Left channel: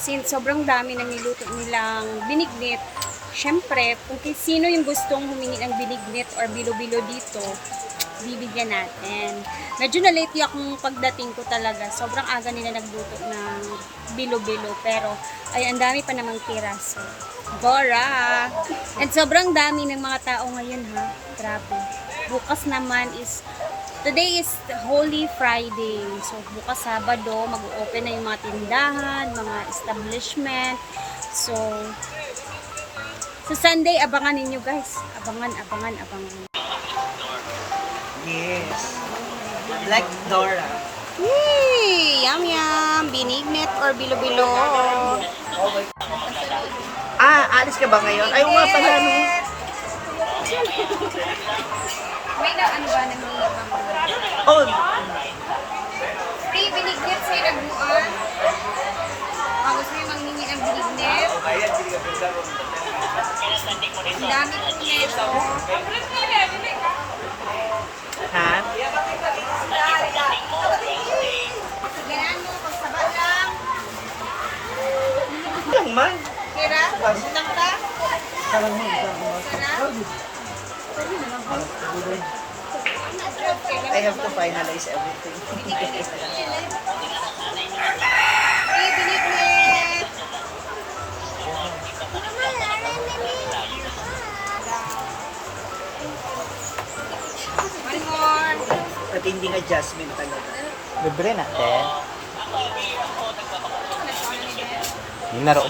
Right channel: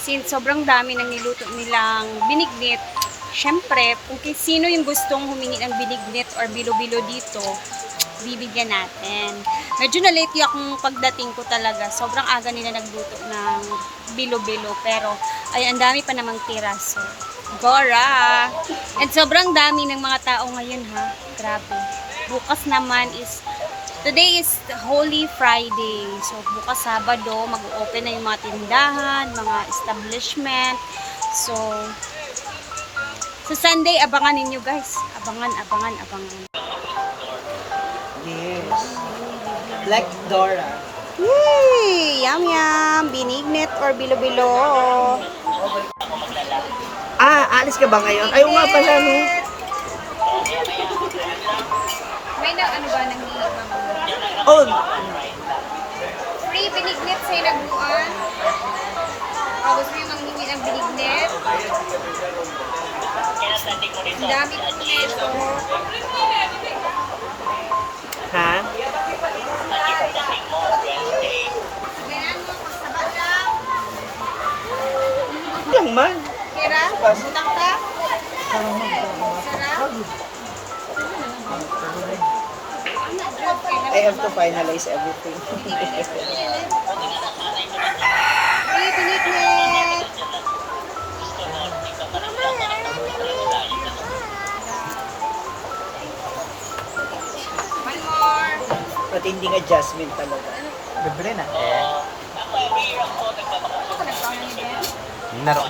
Since sobrang dami ng niluto nilang binignit, syempre, kung sino yung gustong humingi ng binignit or bilo-bilo dito, bibigyan natin. Medyo na late yung pagdating ko talaga. Sobrang aga nila nagluto ng bilo-bilo. Pero, ay, ang dami pa namang tira. So, Gora! And sobrang dami ng mga tao ngayon, ha? Grabe. Bukas naman is, today is Holy Friday. So, bukas Sabado, mag-open na yung mga tindahan, mga establishment. So, sa Sunday, abangan ninyo guys. Abangan. Yes. Like Dora. Yay! Yum yum! Binignit or bilo-bilo. Alis ka ba ngayon? Ay, nga pala. May na ano ba nang ibang Oh, free binignit sa inaguan? Baka gusto nyo manghingi ng binignit? Ang dami po nito. ha? Ganyan mo, pagsaba lang. Yung man. Kira, utang ka. Sarang mo, Sarap. I have to finalize everything. Free binignit. One more. At hindi nga Jasmine talaga. Libre na. Ako ka nagkaon na ni Ben? Yung naro.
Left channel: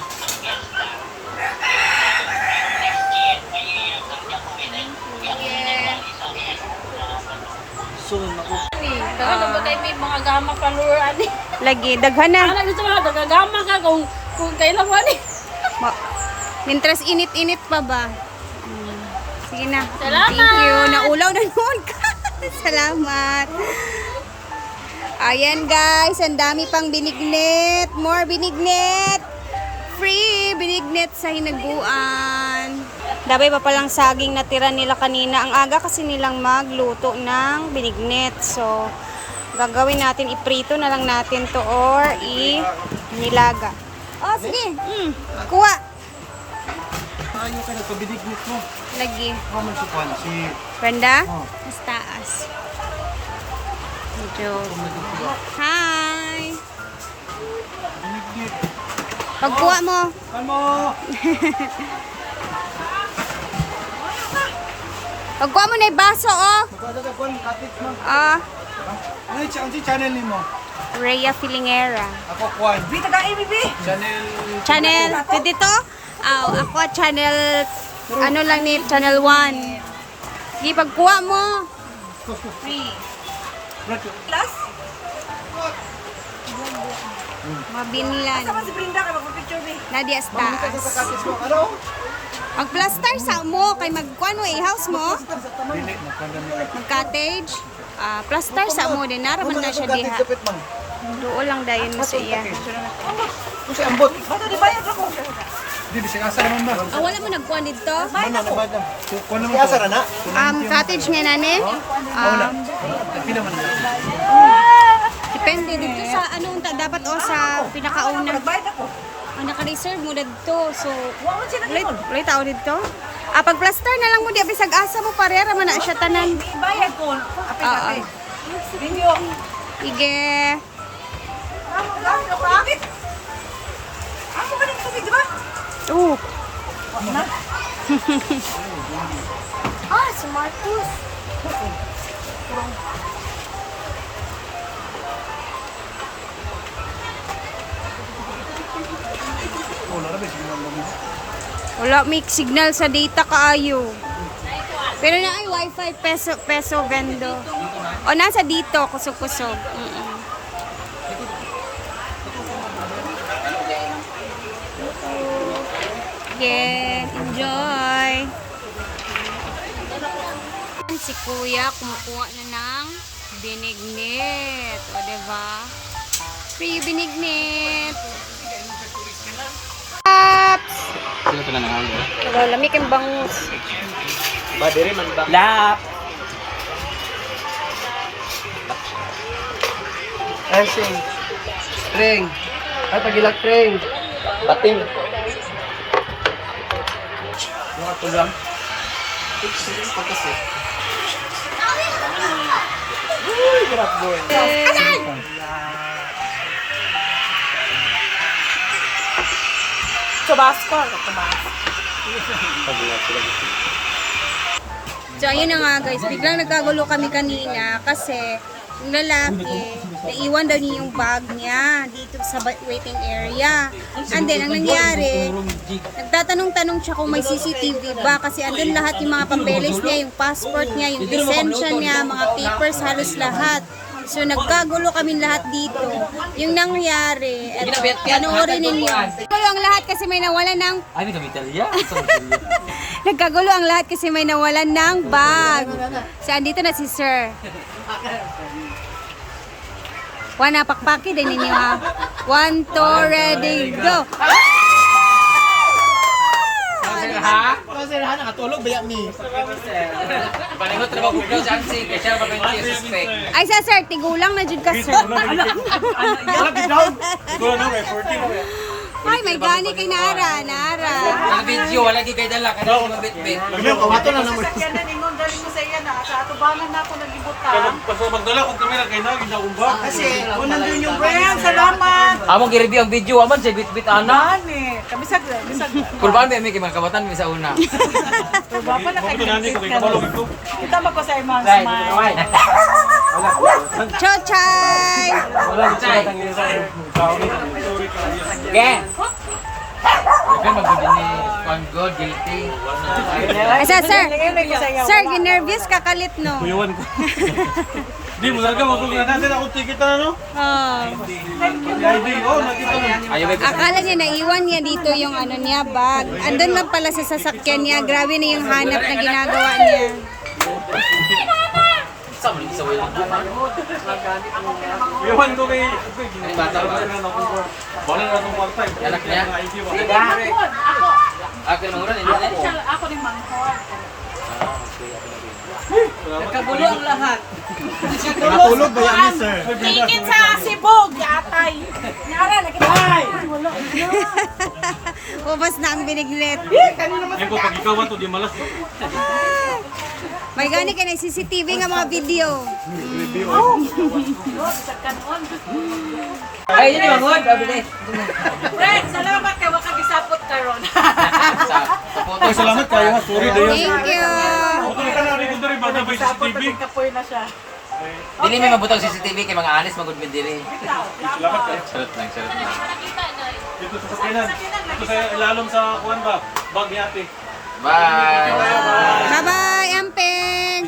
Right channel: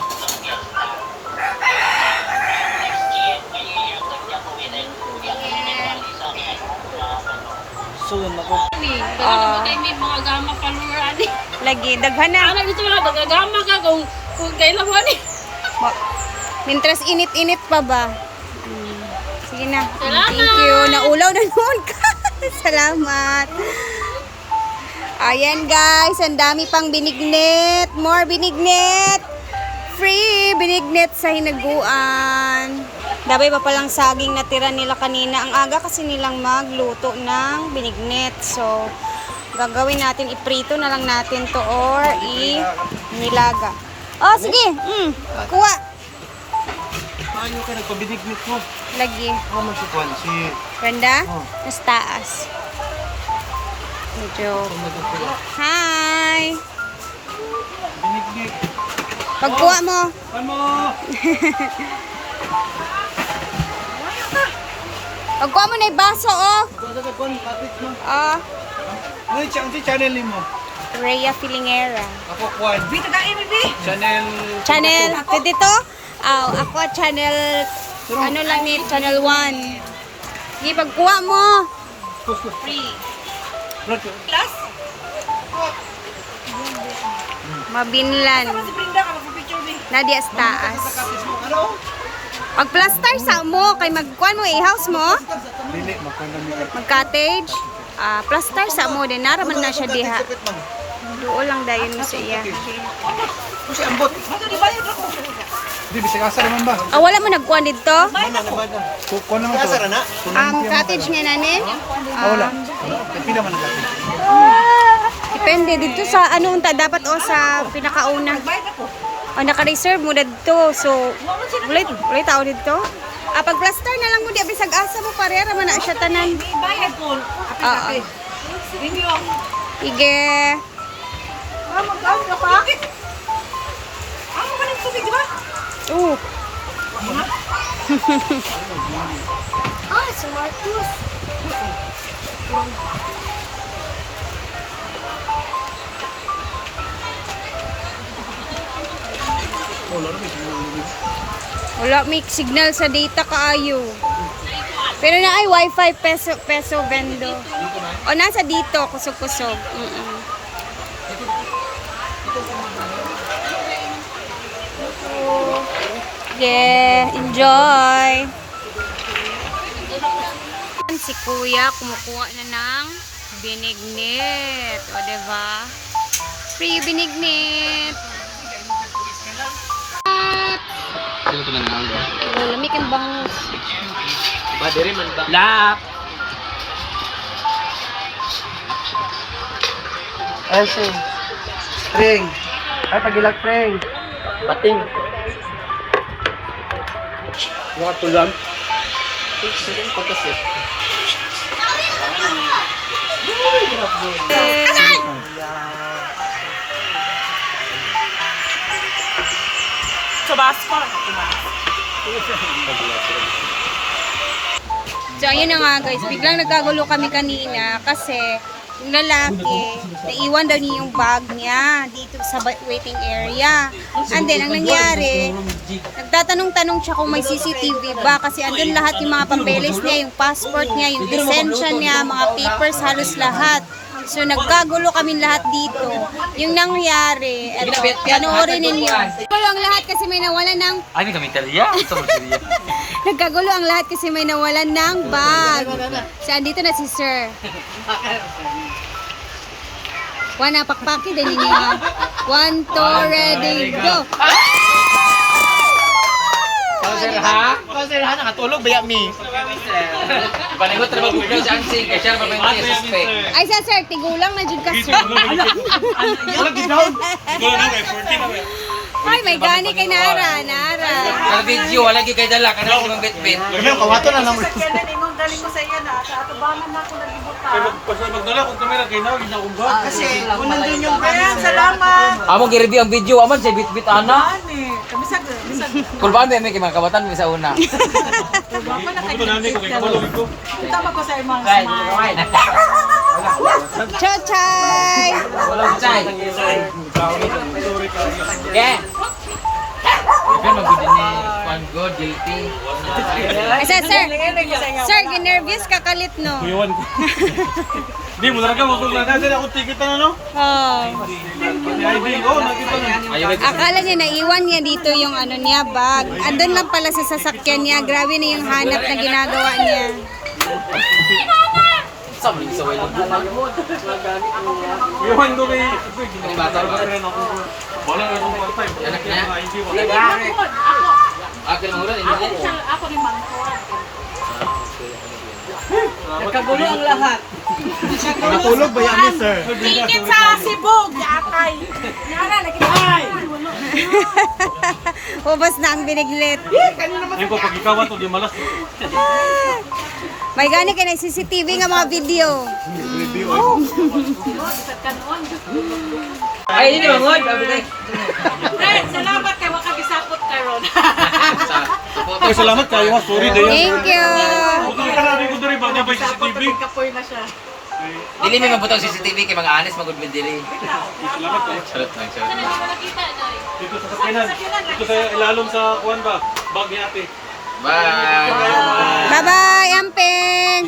Sige. Sunod ako. May mga gama paluran eh. Lagi, daghan na. Ano gusto mga gagama ka kung kailangan eh. Mintras init-init pa ba? Sige na. Thank you. Naulaw na noon ka. Salamat. Ayan guys, ang dami pang binignit. More binignit. Free binignit sa hinaguan. Dabay pa palang saging natira nila kanina. Ang aga kasi nilang magluto ng binignit. So, gagawin natin, iprito na lang natin to or nilaga. Oh, sige. Kuha. Ayaw ka nagpabinignit mo. Lagi. Ako man si Juan, si... Banda? Oh. Mas taas. Medyo. Pumadugpuga. Hi! Binignit. Pagkuha mo. Juan mo! Pagkuha mo na yung baso, oh. Gasa ka Juan, kapit mo. Oh, Ano yung channel mo? Rhea Filingera. Ako Juan. Bita ka, baby! Channel... Channel, pwede to? Ako channel, ano lang ni, channel 1. Sige, pagkuha mo. Free. Plus? Mabinlan. Si Brinda ka magpa-picture eh. Nadia sa taas. Kapit mo. Ano? Pag-plaster sa mo, kay magkuhan mo, i-house mo. Dili, magkondomit. Mag-cottage. Plaster sa mo, din naraman na siya diha. Doon lang dayon mo sa iya. Kasi ambot. Bata di bayad ako. Hindi, bisa kasar naman ba? Wala mo nagkuhan dito? Kukuha naman to. Kasar na? Cottage nga nani? Pila man natin. Depende dito sa ano unta dapat o sa pinakauna. Naka-reserve mo na dito. So, ulit tao dito. Pag plaster na lang mo di bisag asa mo parera man na siya tanan. Bayad ko. Oo. Hindi ako. Sige. Ako ba nito di ba? Si Marcus. Wala may signal sa data kaayo. Pero na ay wifi peso vendo. O nasa dito kusog-kusog. Yeah, enjoy. Si Kuya kumukuha na ng binignit. O, diba? Free binignit. Ano ito na naman? Lamig ang bangus. Ba, diri man ba? Lap! Ay, sing. Pring. Ay, pagilak, pring. Pating. Yung ato lang. Pagkasip. Chubasco. So, ayun na nga guys, biglang nagkagulo kami kanina kasi yung lalaki, naiwan daw niya yung bag niya dito sa waiting area. And then, ang nangyari, nagtatanong-tanong siya kung may CCTV ba kasi andun lahat yung mga papeles niya, yung passport niya, yung lisensya niya, mga papers, halos lahat. So, nagkagulo kami lahat dito. Yung nangyari, eto, panoorin ninyo. Nagkagulo ang lahat kasi may nawalan ng Ay, hindi kami Italia. Ito mo Italia. Nagkagulo ang lahat kasi may nawalan ng bag. So, andito na si Sir. One, napakpaki din ninyo ha. 1, 2, ready, go! Kasi lahat nakatulog, baya mi. Palimot na mag-video sa ansing. Kaya siya mag-video sa suspect. Ay, sa Sir, tigulang na dyan ka, Sir. Ay, may gani kay Nara, Nara. Ang video, wala kayo kayo dala. Kanang ibang bit-bit. Ayun, kawato na naman. Yan na ninong dali mo sa iya na. Sa atubangan na ako nagibutan. Magdala kung kami naginaw, ginakumbag. Kasi kung nandun yung Well, salamat. Among gi-review ang video. Amon si bit-bit ana. Dani. Kabisag. Bisag. Kulbaan ba may mga kabatan may sa una. Baba na kayo. Kita ba ko sa imong smile? Chochay! Walang chay. Okay. Kan magud ni Juan God guilty. Ay, sa Sir. Sir, ginervyos ka kalit, no? Kuyawan ko. Di mo talaga magkong na natin ako ticket na no? Oh. ID ko, nakita na. Ayaw ba Akala niya naiwan niya dito yung ano niya, bag. Andun lang pala sa sasakyan niya. Grabe na yung hanap na ginagawa niya. sa mo sa wala. Kuyawan ko na eh. Ni bata ba? Wala na itong part time. Anak niya? ID ko. Ako. Ako na mura Ako ini. ni siya. Ako ni Mangkod. Nagkagulo ang lahat. nakatulog, baya mi, sir. Tingin sa Sibog. Atay. Nyara, nakita. Ubas na ang biniglit. Ayun ko, pag ikaw to, di malas. May gani kay na CCTV nga mga video. Ay, ini bangod. Fred, salamat kay waka gisapot karon. Ay, salamat kayo ha. Sorry, Dayo. Thank you. Bukong ka na rin ko na rin ba na ba yung CCTV? Kapoy na siya. Dili mi mabuto sa CCTV kay mga alis magud mi diri. Salamat kayo. Charot lang, charot lang. Dito sa sakinan. Dito sa ilalom sa kuwan ba? Bag ni ate. Bye. Bye-bye, Amping.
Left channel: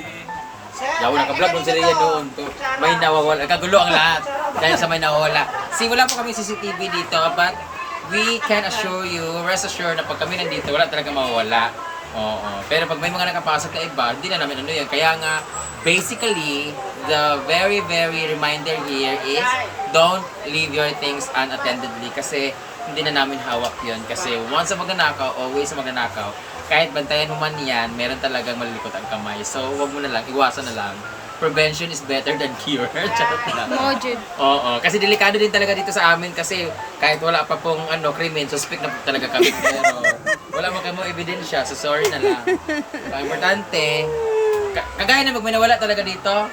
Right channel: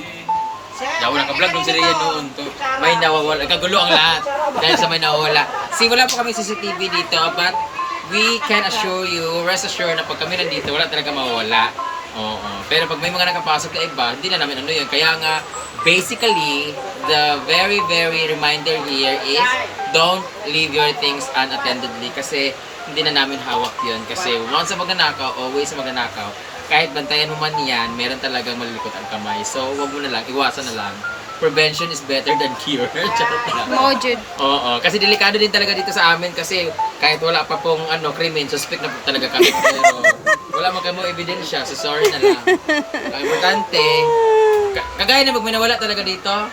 Yaw na ka-vlog nung sila noon to. May nawawala. Kagulo ang lahat. Dahil sa may nawawala. See, wala po kami CCTV dito, but we can assure you, rest assured na pag kami nandito, wala talaga mawawala. Oo. Pero pag may mga nakapasok na iba, hindi na namin ano yun. Kaya nga, basically, the very, very reminder here is don't leave your things unattendedly kasi hindi na namin hawak yun. Kasi once sa magnanakaw, always sa magnanakaw, kahit bantayan mo man yan, meron talagang malilikot ang kamay. So, wag mo na lang, iwasan na lang. Prevention is better than cure. Charot lang. Mojud. Oo, kasi delikado din talaga dito sa amin kasi kahit wala pa pong krimen, suspect na po talaga kami. Pero wala man kayo ebidensya, so sorry na lang. Ang importante, kagaya na may nawala talaga dito,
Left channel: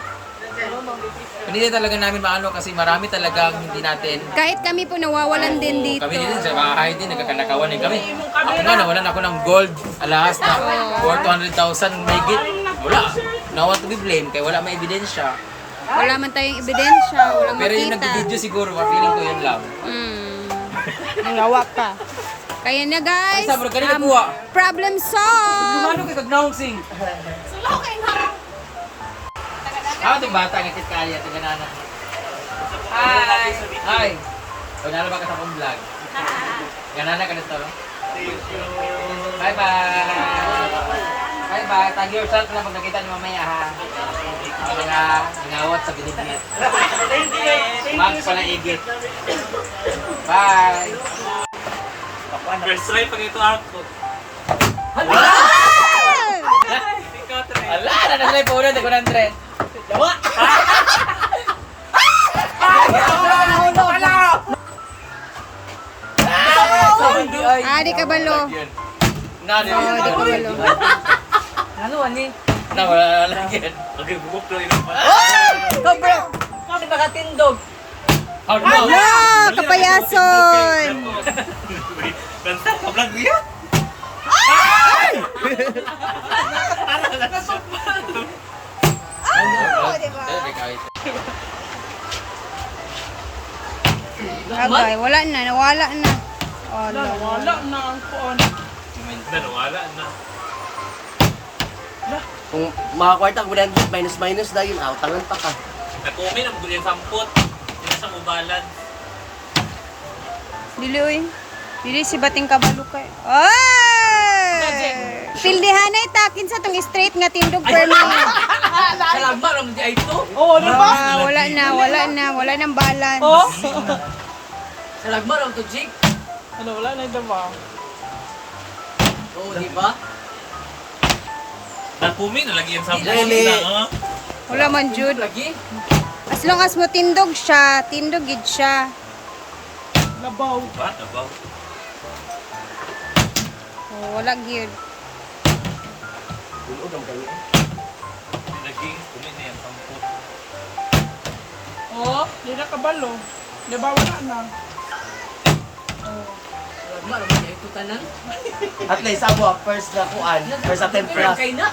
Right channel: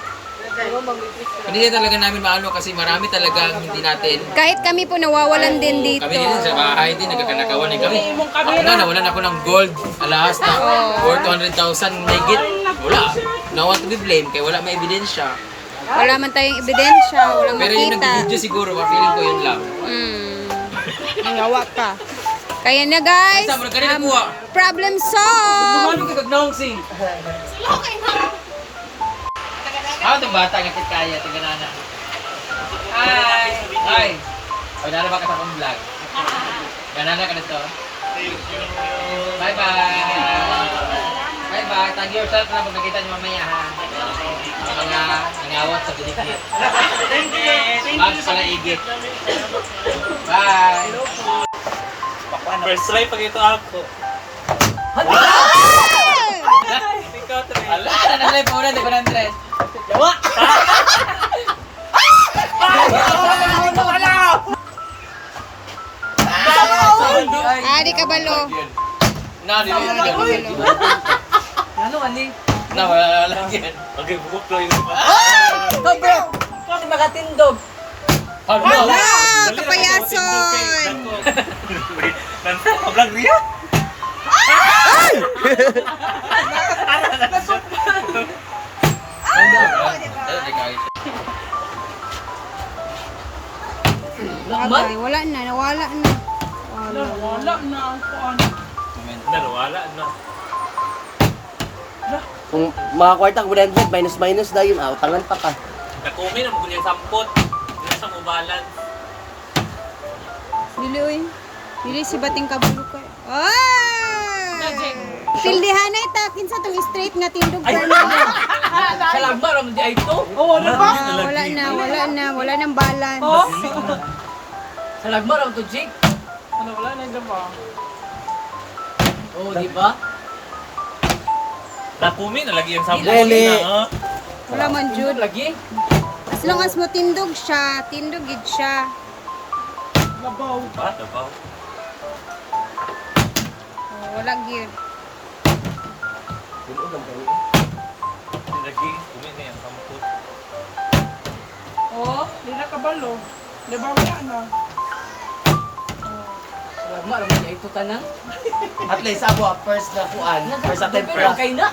hindi talaga namin maano kasi marami talagang hindi natin. Kahit kami po nawawalan din dito. Kami din sa bahay din, nagkakanakawan din kami. Ako nga, nawalan ako ng gold alahas na worth 200,000 megit. Wala. No one to be blamed kaya wala may ebidensya. Wala man tayong ebidensya, walang Pero yung makita. nag-video siguro, feeling ko yun lang. Nangawa ka. Kaya na guys, Ay, sabra, kanina kuha. problem solved. Ano ka kagnaong sing? Ako itong bata ng kaya, itong ganana. Hi! Hi! O, nala ba ka sa akong vlog? Ganana ka nito? Bye-bye! Bye-bye! Tag yourself na pag nakita niyo mamaya ha. Sa mga nangawat sa binigit. Mags pala igit. Bye! First try pag ito ako. Ala! Nanaglay po ulit, ako ng tres. Di kabalo. Na, di Di kabalo. Ano, ani? Nawala lang yan. Okay, bukok lang yun. Go, bro! Kasi makatindog. Hard na. No, kapayason. Vlog niya? Agay, wala na, nawala na. Wala. Wala na ang kuan. Nawala na. Kung mga kwarta, kung minus na yung outangan pa ka. Nakumin ang gulit sampot. Nasa ubalan. Dili oy. Dili si bating kabalo kay. Ay! Pildihanay takin sa tong straight nga tindog permanent. Salagma, ram di ay to. Oo, Wala na, wala nang balance. Salagma, ram to, Jig. Wala na yung ba? Oo, di ba? Nakumin na lagi yung sampot. Lele. Wala man jud. Lagi? As long as mo tindog siya, tindog gid siya. Labaw. Ba? Ba? Wala gid. Lagi. Kumin na yung sampot. Oo, hindi na kabalo. Di ba wala na? Salagma, ram di ay to tanan. At least abo, first na kuan, first attempt Pero pra. kay na.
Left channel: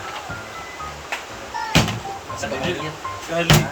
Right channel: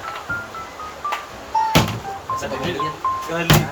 Sa pagbulit yan. Galing.